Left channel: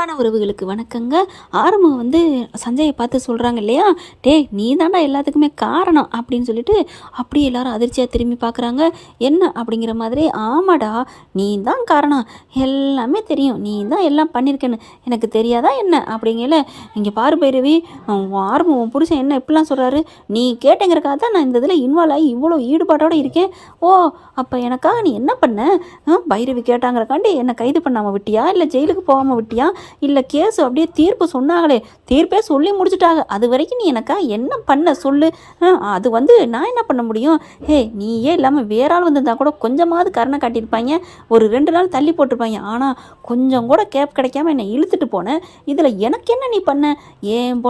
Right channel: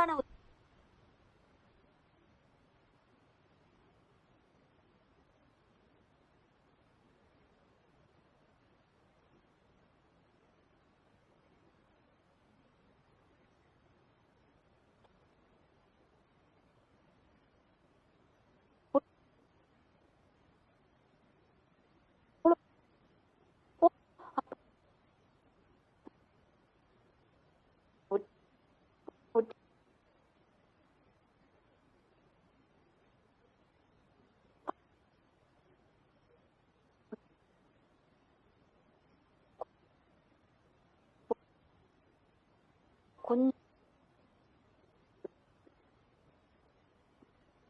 அன்பான உறவுகளுக்கு வணக்கங்க. ஆரம்பம் சஞ்சயை பார்த்து சொல்கிறாங்க இல்லையா, டேய் நீ தாண்டா எல்லாத்துக்குமே காரணம் அப்படின்னு சொல்லிட்டு அப்படியே எல்லாரும் அதிர்ச்சியாக திரும்பி பார்க்குறாங்க. என்ன அப்படிங்கிற மாதிரி, ஆமாடா நீ தான் காரணம், எல்லாமே தெரியும், நீ தான் எல்லாம் பண்ணியிருக்கேன்னு எனக்கு தெரியாதா என்ன அப்படிங்கல. இங்கே பாரு பைரவி, ஆரம்பம் உன் புருஷன் என்ன இப்படிலாம் சொல்கிறாரு, நீ கேட்டேங்கிறக்காக தான் நான் இந்த இதில் இன்வால்வ் ஆகி இவ்வளோ ஈடுபாட்டோடு இருக்கேன். ஓ அப்போ எனக்காக நீ என்ன பண்ண? பைரவி கேட்டாங்கிறக்காண்டி என்னை கைது பண்ணாமல் விட்டியா, இல்லை ஜெயிலுக்கு போகாமல் விட்டியா, இல்லை கேஸ் அப்படியே தீர்ப்பு சொன்னாங்களே தீர்ப்பே சொல்லி முடிச்சுட்டாங்க, அது வரைக்கும் நீ எனக்கா என்ன பண்ண சொல்லு. அது நான் என்ன பண்ண முடியும்? நீயே இல்லாமல் வேற ஆள் வந்திருந்தா கூட கொஞ்சமாவது கருணை காட்டியிருப்பாங்க, ஒரு 2 நாள் தள்ளி போட்டிருப்பாங்க. ஆனால் கொஞ்சம் கூட கேப் கிடைக்காம என்னை இழுத்துட்டு போனேன். இதில் எனக்கு என்ன நீ பண்ண? என்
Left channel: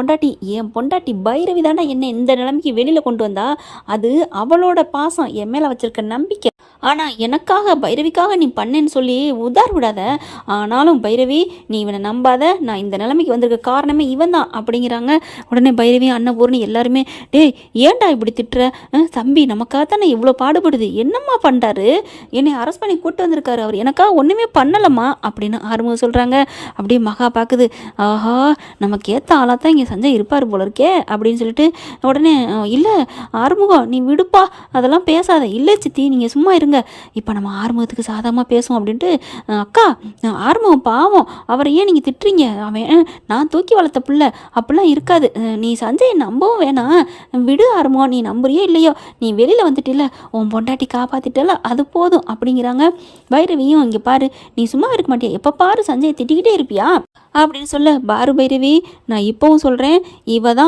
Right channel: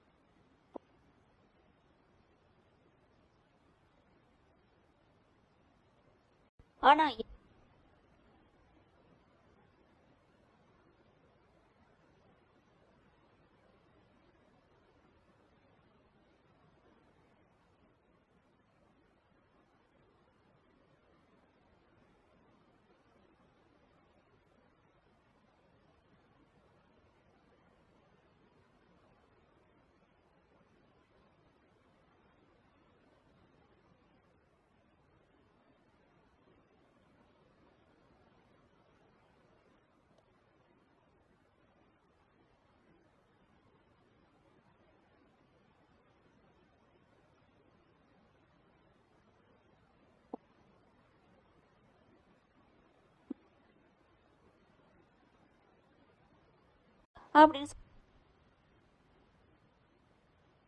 பொண்டாட்டி பைரவி தாண்டா என்னை இந்த நிலைமைக்கு வெளியில் கொண்டு வந்தா. அது அவளோட பாசம், என் மேலே வச்சிருக்க நம்பிக்கை. ஆனால் எனக்காக பைரவிக்காக நீ பண்ணேன்னு சொல்லி உதார் விடாத. ஆனாலும் பைரவி நீ இவனை நம்பாத, நான் இந்த நிலைமைக்கு வந்திருக்க காரணமே இவன் தான் அப்படிங்கிறாங்க. உடனே பைரவி அன்னபூர்ணி எல்லாருமே, டேய் ஏன்டா இப்படி திட்டுற? தம்பி நமக்காக தானே இவ்வளோ பாடுபடுது, என்னம்மா பண்ணுறாரு, என்னை அரெஸ்ட் பண்ணி கூப்பிட்டு வந்திருக்காரு, அவர் எனக்காக ஒன்றுமே பண்ணலம்மா அப்படின்னு ஆரம்பம் சொல்கிறாங்க. அப்படியே மகா பார்க்குது, ஆஹா நமக்கு ஏற்ற ஆளாக தான் இங்கே சஞ்சய் இருப்பார் போல இருக்கே அப்படின்னு சொல்லிட்டு, உடனே இல்லை ஆறுமுகம் நீ விடுப்பா அதெல்லாம் பேசாத, இல்லை சித்தி நீங்கள் சும்மா இருங்க, இப்போ நம்ம ஆறுமுகத்துக்கு சாதகமாக பேசுவோம் அப்படின்ட்டு, அக்கா ஆறுமுகம் பாவம், அவரை ஏன் நீங்கள் திட்டுறீங்க, அவன் நான் தூக்கி வளர்த்த பிள்ளை, அப்படிலாம் இருக்காது, நீ சஞ்சயை நம்பவும் வேணாம், விடு ஆறுமுகம், நீ நம்புறியோ இல்லையோ நீ வெளியில் வந்துட்டில்ல, உன் பொண்டாட்டி காப்பாற்றிட்டல அது போதும் அப்படிங்கிறாங்க. பைரவியும் இங்கே பாரு, நீ சும்மா இருக்க மாட்டியா, எப்போ பாரு சஞ்சயை திட்டிக்கிட்டே இருப்பியா அப்படின்னு சொல்ல, பாரு பைரவி நான் இப்போவும் சொல்கிறேன், இவன்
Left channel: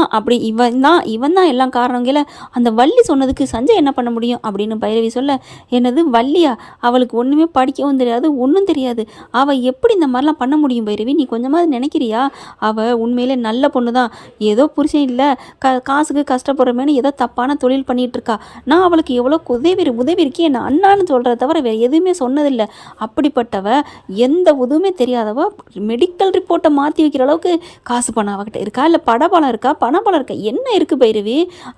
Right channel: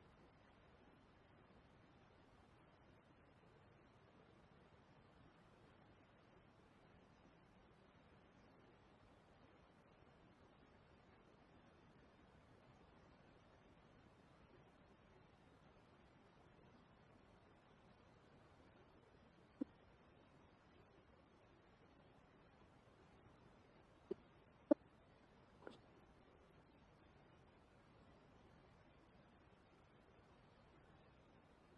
தான் எல்லாம் காரணங்கள, அந்த வள்ளி சொன்னதுக்கு சஞ்சய் என்ன பண்ண முடியும் அப்படின்னு பைரவி சொல்ல, என்னது வள்ளியா, அவளுக்கு ஒன்றுமே படிக்கவும் தெரியாது ஒன்றும் தெரியாது, அவள் எப்படி இந்த மாதிரிலாம் பண்ண முடியும் பைரவி, நீ கொஞ்சமாவது நினைக்கிறியா? அவள் உண்மையிலே நல்ல பொண்ணு தான், ஏதோ புருஷன் இல்லை காசுக்கு கஷ்டப்படுறமேனு ஏதோ தப்பான தொழில் பண்ணிகிட்டு இருக்கா, நான் அவளுக்கு எவ்வளோ உதவி இருக்கே, நான் அண்ணான்னு சொல்கிறத தவிர வேறு எதுவுமே சொன்னதில்லை, அப்படிப்பட்டவ எந்த உதவுமே தெரியாதவ மெடிக்கல் ரிப்போர்ட்டை மாற்றி வைக்கிற அளவுக்கு காசு பணம் அவகிட்ட இருக்கா, இல்லை பணபலம் இருக்கா, என்ன இருக்குது பைரவி?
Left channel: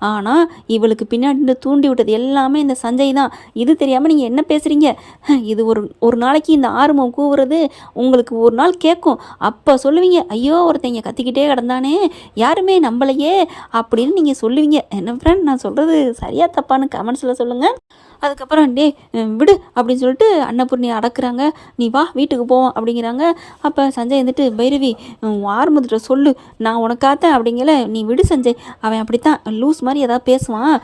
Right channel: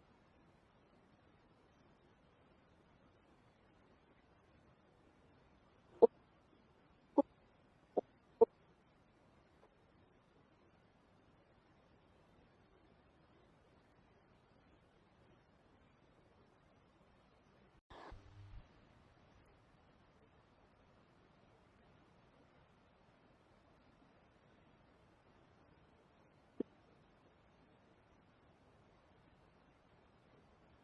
ஆனால் இவளுக்கு பின்னாடி தூண்டி விட்டது எல்லாமே இந்த சஞ்சய் தான். இது தெரியாமல் நீங்கள் என்ன பேசுகிறீங்க? இது ஒரு நாளைக்கு இந்த ஆர்வம் கூவுறது உங்களுக்கு ஒரு நாள் கேட்கும், அப்போ சொல்லுவீங்க, ஐயோ ஒருத்தங்க கத்திக்கிட்டே கிடந்தானே யாருமே நம்பலையே அப்படின்னு நீங்கள் சொல்லுவீங்க. என்ன ஃப்ரெண்ட் நான் சொல்கிறது சரியா தப்பான்னு கமெண்ட்ஸில் சொல்லுங்கள். அதுக்கப்புறம் டே விடு அப்படின்னு சொல்லிட்டு அன்னபூர்ணி அடக்குறாங்க. நீ வா வீட்டுக்கு போவோம் அப்படிங்கிறாங்க. அப்போ சஞ்சய் பைரவி ஆரம்பத்துல சொல்லு, நான் உனக்காத்தேன் அப்படிங்கல, நீ விடு சஞ்சய், அவன் அப்படித்தான் லூஸ் மாதிரி ஏதாவது பேசுவான்,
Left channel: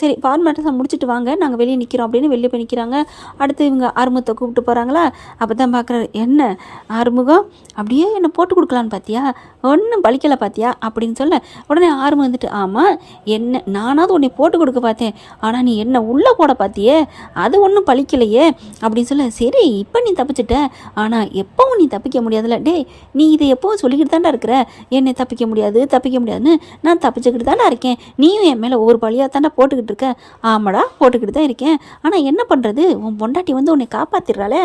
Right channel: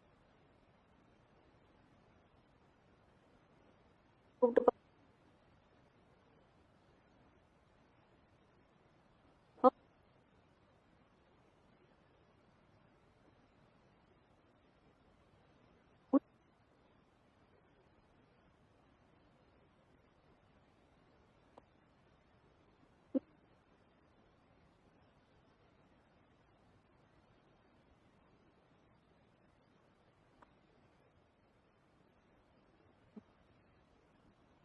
சரி ஃபார்மேட்டஸாக முடிச்சுட்டு வாங்க நாங்கள் வெளியே நிற்கிறோம் அப்படின்னு வெளியே போய் நிற்கிறாங்க. அடுத்து இவங்க ஆறுமுகத்தை கூப்பிட்டு போகிறாங்களா, அப்போ தான் பார்க்குறாரு, என்ன ஆறுமுகம் அப்படியே என்னை போட்டு கொடுக்கலான்னு பார்த்தியா, ஒன்றும் பலிக்கலை பார்த்தியா அப்படின்னு சொல்ல, உடனே ஆறுமுகம் ஆமாம் என்ன நானாவது உன்னை போட்டு கொடுக்க பார்த்தேன், ஆனால் நீ என்ன உள்ளே போட பார்த்தியே அது ஒன்றும் பழிக்கலையே அப்படின்னு சொல்ல, சரி இப்போ நீ தப்பிச்சிட்ட, ஆனால் எப்பவும் நீ தப்பிக்க முடியாதுல்ல, டே நீ இதை எப்பவும் சொல்லிக்கிட்டு தாண்டா இருக்கிற, என்னை தப்பிக்க முடியாதுன்னு, நான் தப்பிச்சுக்கிட்டு தாண்டா இருக்கேன், நீயும் என் மேலே ஒவ்வொரு பழியாக தாண்டா போட்டுக்கிட்டு இருக்க. ஆமாடா போட்டுக்கிட்டு தான் இருக்கேன், ஆனால் என்ன பண்ணுறது, உன் பொண்டாட்டி உன்னை காப்பாற்றிடுறாளே,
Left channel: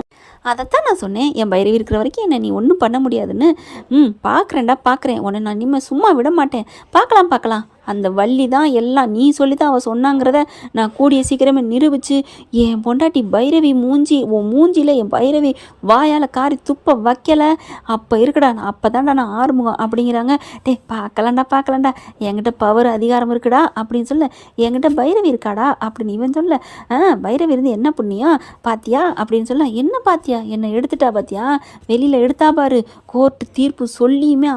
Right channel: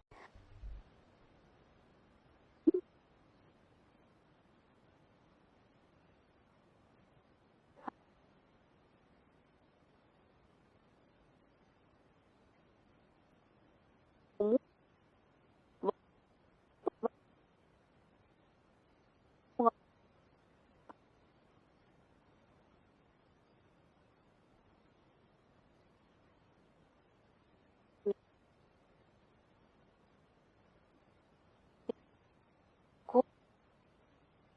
அதைத்தான் நான் சொன்னேன், என் பைரவி இருக்கிற வரைக்கும் என்னை நீ ஒன்றும் பண்ண முடியாதுன்னு. பார்க்குறேன் உன்னை நான் இனிமேல் சும்மா விட மாட்டேன், பார்க்கலாம் அந்த வள்ளி தான் எல்லாம் நீ சொல்லி தான் அவள் சொன்னாங்கிறத நான் கூடிய சீக்கிரமே நிரூபித்து என் பொண்டாட்டி பைரவி உன் மூஞ்சியில் என் பைரவி வாயால் காரி துப்ப வைக்கலை, அப்போ இருக்குடா அப்போ தான்டா நான் ஆறுமுகம் அப்படிங்கிறாங்க. டே பார்க்கலாண்டா என்கிட்ட பவர் அதிகாரம் இருக்குடா அப்படின்னு சொல்ல, என்கிட்ட பைரவி இருக்காடா அப்படின்னு இவன் சொல்ல, பைரவி இருந்து என்ன புண்ணியம் பாத்தியா அப்படின்னு சொல்ல, என்ன பாத்தியா என்னை எடுத்துட்டா பாத்தியா, வெளியில் எடுத்தா பாரு, கோர்ட்டு தீர்ப்பு சொல்லியுமே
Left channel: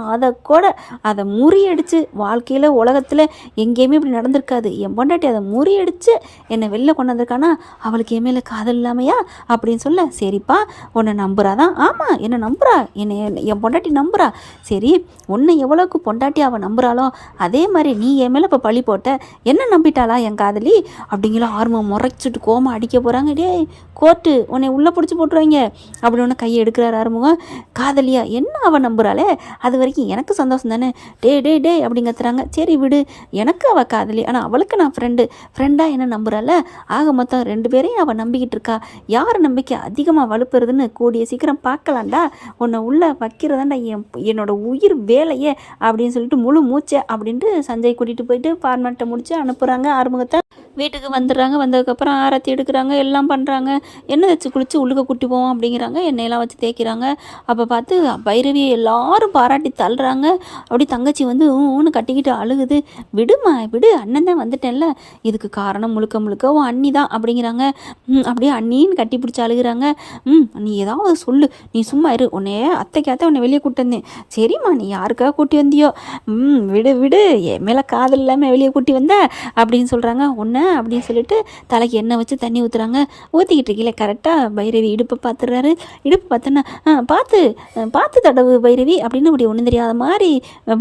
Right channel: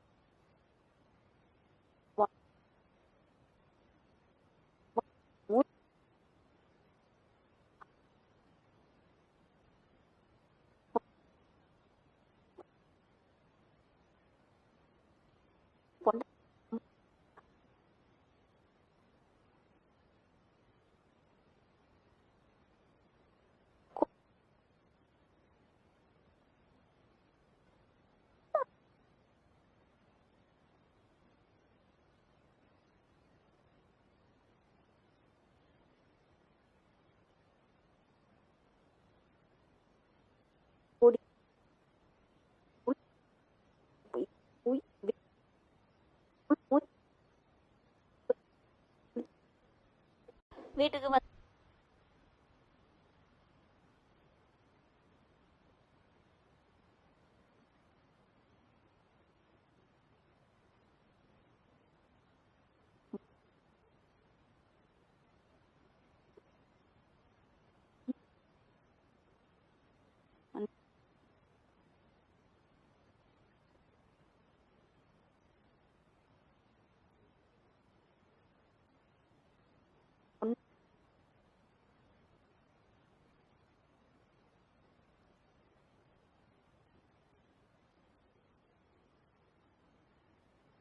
அதை முறியடிச்சு வாழ்க்கையில் உலகத்தில் எங்கேயுமே இப்படி நடந்திருக்காது, என் பொண்டாட்டி அதை முறியடிச்சு என்னை வெளில கொண்டு வந்திருக்கானா, அவளுக்கு என் மேலே காதல் இல்லாமையா அப்படின்னு சொல்ல, சரிப்பா உன்னை நம்புறாதான், ஆமாம் என்னை நம்புறா, என் பொண்டாட்டி நம்புறா, சரி உன்னை எவ்வளோக்கு பொண்டாட்டி அவள் நம்புறாளோ அதே மாதிரி நீ என் மேலே இப்போ பழி போட்ட, என்ன நம்பிட்டாளா என் காதலி அப்படிங்கிற ஆர்வம் முறைச்சிட்டு கோமா அடிக்க போகிறாங்க. டே கோர்ட்டு உன்னை உள்ளே பிடிச்சி போட்டுருவாங்க அப்படி ஒன்று கையை எடுக்கிறார் ஆறுமுகம். காதலியா என்ன அவள் நம்புறாளே, அது வரைக்கும் எனக்கு சந்தோஷம் தானே, டே அப்படிங்க கத்துறாங்க. சரி விடு, எனக்கு அவள் காதலி, ஆனால் அவளுக்கு நான் ஃப்ரெண்டாக என்ன நம்புறாள், ஆக மொத்தம் 2 பேரையும் அவள் நம்பிக்கிட்டு இருக்கா, யார் நம்பிக்கை அதிகமாக வலுப்புறதுன்னு கூடிய சீக்கிரம் பார்க்கலாண்டா, உன்னை உள்ளே வைக்கிறதாண்டா என்னோட உயிர் வேலையே அப்படின்னு சொல்லிட்டு முழு மூச்சை அப்படின்ட்டு சஞ்சய் கூட்டிகிட்டு போயிட்டு ஃபார்மேட்டை முடித்து அனுப்புகிறாங்க ஆறுமுகத்தை. வீட்டுக்கு வந்துடுறாங்க. வந்ததுக்கப்புறம் ஆரத்தி எடுக்கிறாங்க, எல்லாம் பண்ணுறாங்க. எண்ணெய் வச்சு குளித்து உள்ளுக்க கூட்டி போவோம் அப்படிங்கிறாங்க. எண்ணெயெல்லாம் வச்சு தேய்க்கிறாங்க. அப்போ பார்த்து பைரவியை எல்லாரும் பாராட்டி தள்ளுறாங்க. அப்படி தங்கச்சி வந்து ஊன்னு கட்டிக்கிட்டு அழுகுது. விடுமா விடு, அண்ணன் தான் வந்துட்டேன்ல, இதுக்கு காரணம் முழுக்க முழுக்க உன் அண்ணி தான் அப்படிங்கிறாங்க. அப்படியே அண்ணின்னு கட்டி பிடிச்சி அழுகுறாங்க. நீ ஏதாவது சொல்லு, நீ சும்மா இரு, உன்னைய அத்தைக்காத்த உன்னை வெளியே கூட்டி வந்தேன். சரிம்மா, நீ யாருக்காக கூட்டி வந்தியோ, விடு விடு, என் மேலே காதல் இல்லாமல் வெளியே கூட்டி வந்த அப்படின்னு சொல்கிறாங்க. ஒன்று அப்படின்னு சொல்லிட்டு தலைக்கு எண்ணெய் வச்சு தண்ணி ஊற்றுறாங்க. ஊற்றிக்கிட்டு இருக்கீங்களே கரெக்டாக பைரவி இடுப்பை பார்த்துடுறாரு. இடுப்பு பார்த்தோன்னா பார்த்து பார்த்து தடவு பைரவி அப்படின்னு அப்படி ஒன்றும் தெரியாத மாதிரி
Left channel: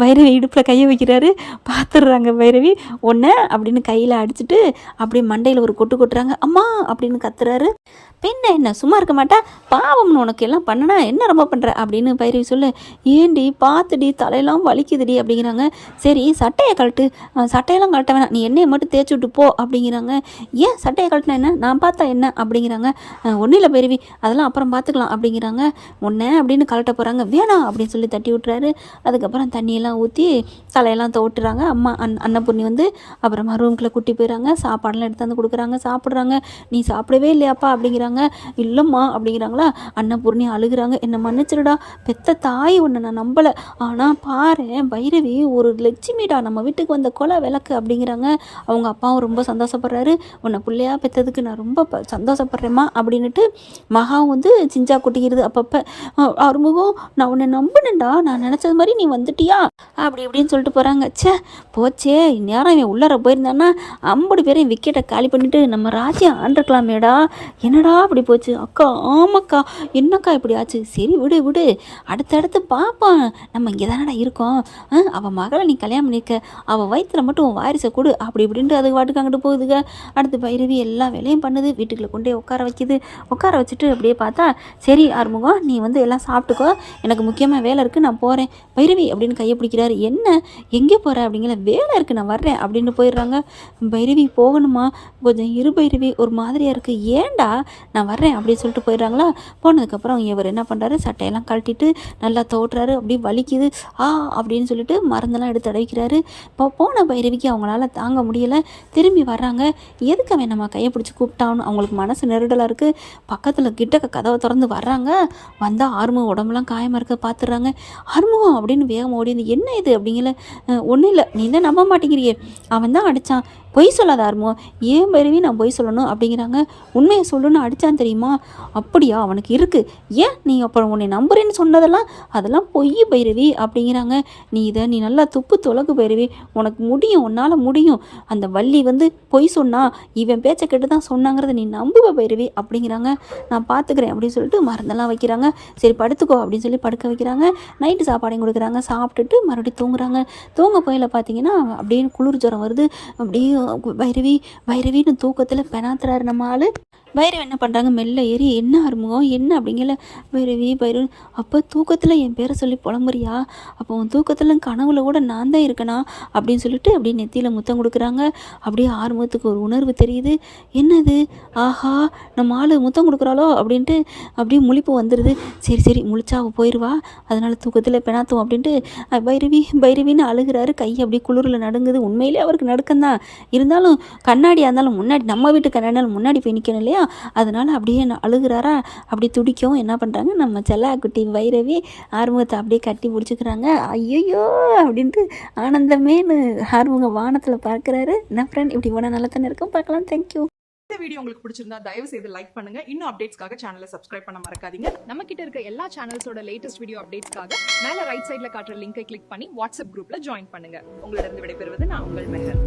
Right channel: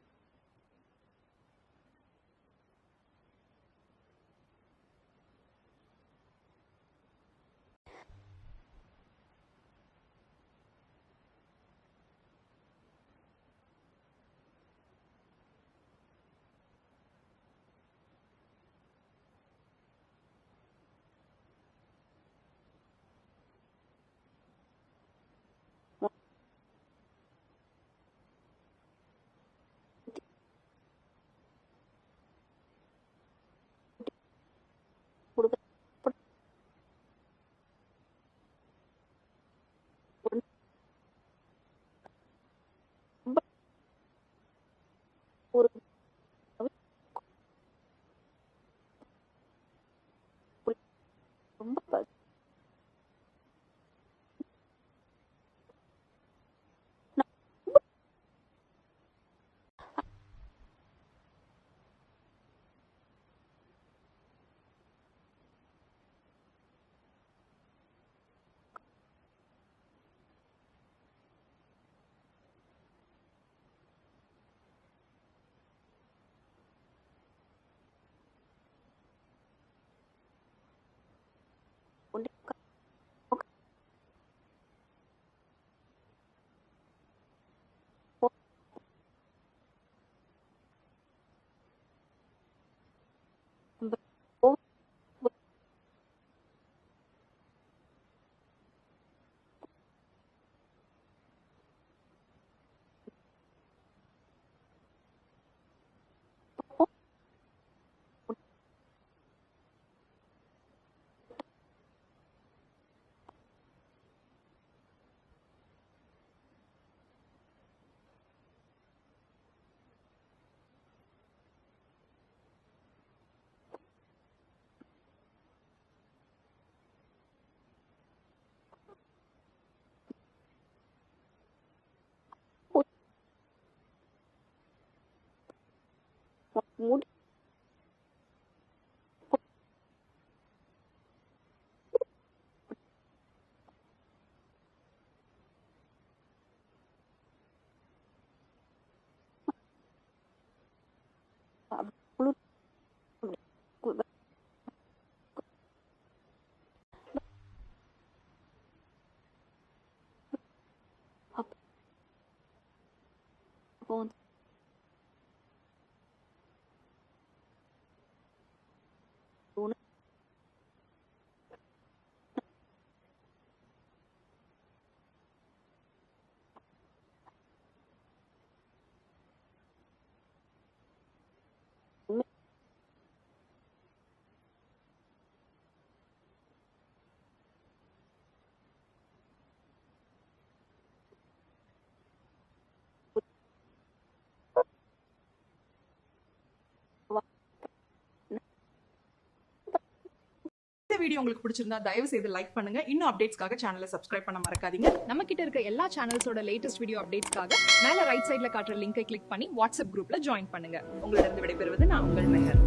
பைரவி இடுப்பில் கையை வைக்கிறாரு. பார்த்துடுறாங்க பைரவி. ஒன்று அப்படின்னு கையில் அடிச்சுட்டு அப்படியே மண்டையில் ஒரு கொட்டு கொட்டுறாங்க. அம்மா அப்படின்னு கத்துறாரு. பெண்ணை என்ன சும்மா இருக்க மாட்டா, பாவம்னு உனக்கு எல்லாம் பண்ணனா என்ன ரொம்ப பண்ணுற அப்படின்னு பைரவி சொல்ல, ஏண்டி பார்த்துடி தலையெல்லாம் வலிக்குதுடி அப்படிங்கிறாங்க. சரி சட்டையை கழட்டு, சட்டையெல்லாம் கழட்ட வேணாம், நீ எண்ணெயை மட்டும் தேய்ச்சி விட்டு போ அப்படிங்கிறாங்க. ஏன் சட்டையை கழட்டினா என்ன, நான் பார்த்தா என்ன அப்படிங்கிறாங்க. ஒன்றும் இல்லை பைரவி, அதெல்லாம் அப்புறம் பார்த்துக்கலாம் அப்படிங்கிறாங்க. ஒன்று அப்படின்னு கழட்ட போகிறாங்க. வேணாம் அப்படின்னு சொல்லி தட்டி விட்டுறாரு. அதுக்கப்புறம் தண்ணியெல்லாம் ஊற்றி தலையெல்லாம் தோட்டுறாங்க. அம்மா அன்னபூர்ணி வந்து அப்புறமா ரூம்குள்ளே கூட்டி போயிடறாங்க. சாப்பாடெல்லாம் எடுத்து வந்து கொடுக்குறாங்க. சாப்பிட்றாங்க. நீ சாப்பிடவே இல்லையாப்பா அப்படிங்கிறாங்க. இல்லைம்மா அப்படிங்கிறாங்களா. அன்னபூர்ணி அழுகுறாங்க. என்னை மன்னிச்சிருடா, பெத்த தாய் ஒன்று நான் நம்பலை, ஆனால் பாரு பைரவி ஒரு லட்சுமிடா, நம்ம வீட்டுக்கு வந்த கொலை விளக்கு அப்படிங்கிறாங்க. அவங்க அப்பாவும் ரொம்ப சந்தோஷப்படுறாரு. உன்னை பிள்ளையா பெற்றதுக்கு நான் ரொம்ப சந்தோஷப்படுறேம்மா அப்படின்னுட்டு மகாவும் வந்து சிஞ்சா கொட்டிக்கிறது அப்பப்போ. அறுமுகம், நான் உன்னை நம்பினேன்டா, நான் நினச்சது மாதிரி நீ வந்துட்டியா அப்படி இப்படின்னு சொல்லிட்டு போகிறாங்க. சே போச்சே, நேரம் இவன் உள்ளார போயிருந்தான்னா 50 பேரையும் விக்கெட்டை காலி பண்ணிவிட்டு நம்ம ராஜ்யம் ஆண்டிருக்கலாமேடா, என்னடா அப்படி போச்சு. அக்கா ஆமாக்கா, என்னக்கா இப்படி ஆச்சு, சரி விடு விடு, அடுத்தடுத்து பார்ப்போம், நம்ம இங்கே தானடா இருக்கோம், அவள் மகளை நீ கல்யாணம் பண்ணிக்க, அவள் வயிற்றுல மட்டும் உன் வாரிசை கொடு அப்படி இப்படின்ட்டு அதுக்கு வாட்டுக்கு அங்கிட்டு போகுதுங்க. அடுத்து பைரவி எல்லா வேலையும் பண்ணுது. வீட்டுக்குள்ளே கொண்டே உட்கார வைக்கிது. உட்கார வச்சுட்டு அப்படியே பார்த்தா, சரி ஆறுமுகம் நீ வந்து எல்லாம் சாப்பிட்டுக்கோ, எனக்கு முக்கியமாக வேலை இருக்குது, நான் போகிறேன் பைரவி அப்படின்னு கையை பிடிக்கிறாரு. என்ன எங்கே போகிற அப்படிங்கிற, வேலை இருக்குது நான் வர்றேன் அப்படின்னு போயிடுறாங்க. பைரவி போகணுமா, கொஞ்சம் இரு பைரவி, ஒரு மாதிரியாக இருக்குது, ஏண்டா நான் வர்றேன் அப்படின்னு சொல்லிட்டு போயிடுறாங்களா. போனதுக்கப்புறம் இவர் என்ன பண்ணுறாரு, சட்டையெல்லாம் கழட்டிட்டு நல்லா தோட்டுறாரு. அப்படியே வலிக்குது அப்படின்னு சொல்லிட்டு மருந்தெல்லாம் எடுத்து தடவிக்கிறாரு. இப்போ போன பைரவிக்கு அவங்களால தாங்க முடியலை. திரும்பி வர்றாங்க. எதுக்கு அவன் நம்ம கையை பிடிச்சி கூப்பிட்டான்னு அவங்களுக்கு மனசு நெருடலாக இருக்குது. பக்கத்தில் கிட்ட கதவை திறந்து வர்றாங்க. வந்தால் ஆறுமுகம் உடம்புலாம் காயமாக இருக்க பார்த்துடுறாங்க. ஆறுமுகம் அப்படின்னு வேகமாக ஓடி வந்து, என்ன இது அப்படிங்கல. ஒன்றும் இல்லை, நீ தான் நம்ப மாட்டேங்கிறியே, அவன் தான் அடித்தான், பொய் சொல்லாத ஆறுமுகம், ஏன் பைரவி நான் பொய் சொல்லணும் அப்படிங்கிறாங்க. உண்மையை சொல்லுன்னு அடித்தான் தெரியுமா. அப்படியா, அவனுக்கு இருக்குது, ஏன் நீ அப்புறம் உன்னை நம்புறேன்னு சொன்னதெல்லாம் அதெல்லாம் பொய் பைரவி அப்படிங்கிறாங்க. நீ நல்லா துப்பு தொலகு பைரவி, உனக்கு முடியும், உன்னால் முடியும், அந்த வள்ளி வந்து பொய் சொன்னா இவன் பேச்சை கேட்டு தான் சொன்னாங்கிறத நீ நம்புவ பைரவி அப்படிங்கிறாங்க. நான் பார்த்துக்கிறேன் அப்படின்னு சொல்லிட்டு மருந்தெல்லாம் வைக்கிறாங்க. சரி படுத்துக்கோ அப்படின்னு சொல்லி படுக்க வைக்கிறாங்க. நைட்டு சாப்பாடையும் கொடுக்குறாங்க. சாப்பிட்டுட்டு மறுபடியும் தூங்குறாங்க. தூங்க போயில பார்த்தீங்கன்னா அப்படியே குளிர் ஜுரம் வருது. அப்படியே பைரவி பைரவின்னு தூக்கத்தில் பெணாத்துறாரு நம்ம ஆள். பைரவி என்ன பண்ணுறாங்க, மெல்ல ஏறி, என்ன ஆறுமுகம் என்ன அப்படிங்கல. பைரவி அப்போ தூக்கத்தில் என் பேரை சொல்லி புலம்புறியா, அப்போ உன் தூக்கத்தில் கனவுல கூட நான் தான் இருக்கேனா அப்படின்னு சொல்லிட்டு அப்படியே நெத்தியில் முத்தம் கொடுக்குறாங்க. அப்படியே ஆறுமுகத்துக்கு ஒரு உணர்வு தெரியுது. என்னது, ஆஹா நம்ம ஆள் முத்தம் கொடுக்குறாளோ அப்படின்ட்டு அப்படியே முழிப்பு வந்துடுது. சரி சரி முழிச்சா அவள் போயிடுவா, அதனால் தூக்கத்தில் பெணாத்தும் அப்படின்ட்டு பைரவின்னு அழுகிறாரு. கை அப்படியே குளிரில் நடுங்குது. உண்மையிலே அவருக்கு நடுக்கம்தான், இருந்தாலும் கண்ணாடியாக இருந்தாலும் முன்னாடி, நம்ம வீட்டு கண்ணாடியாலும் முன்னாடி போய் நிற்கணும் இல்லையா, அதனால் அப்படியே அழுகிறாரா. அப்படி துடிக்கவும் என்ன பண்ணுறாங்க, நம்ம செல்லாக்குட்டி பைரவி ஆறுமுகத்தை அப்படியே கட்டி பிடிச்சிக்கிறாங்க. ஐயோ அப்படின்ட்டு ஆனந்தமேனு ஆறுமுகம் வானத்தில் பார்க்குறாரு. என்ன ஃப்ரெண்ட், இப்படி போனால் நல்லா தானே இருக்கும். பார்க்கலாம். தேங்க்யூ. இந்த வீடியோ உங்களுக்கு பிடிச்சிருந்தா தயவு செய்து லைக் பண்ணுங்க. இன்னும் அப்டேட்ஸ்க்காக சேனலை சப்ஸ்கிரைப் பண்ண மறக்காதீங்க. நம்ம கிட்ட இருக்க எல்லா சேனல்ஸோட லேட்டஸ்ட் வீடியோ அப்டேட்ஸ்க்காக மேல ரைட் சைடுல காட்டுற லிங்கை கிளிக் பண்ணி வாட்ஸ்அப் குரூப்ல ஜாயின் பண்ணுங்க. உங்களிடம் விடைபெறுவது நான் உங்கள் மெஹர்.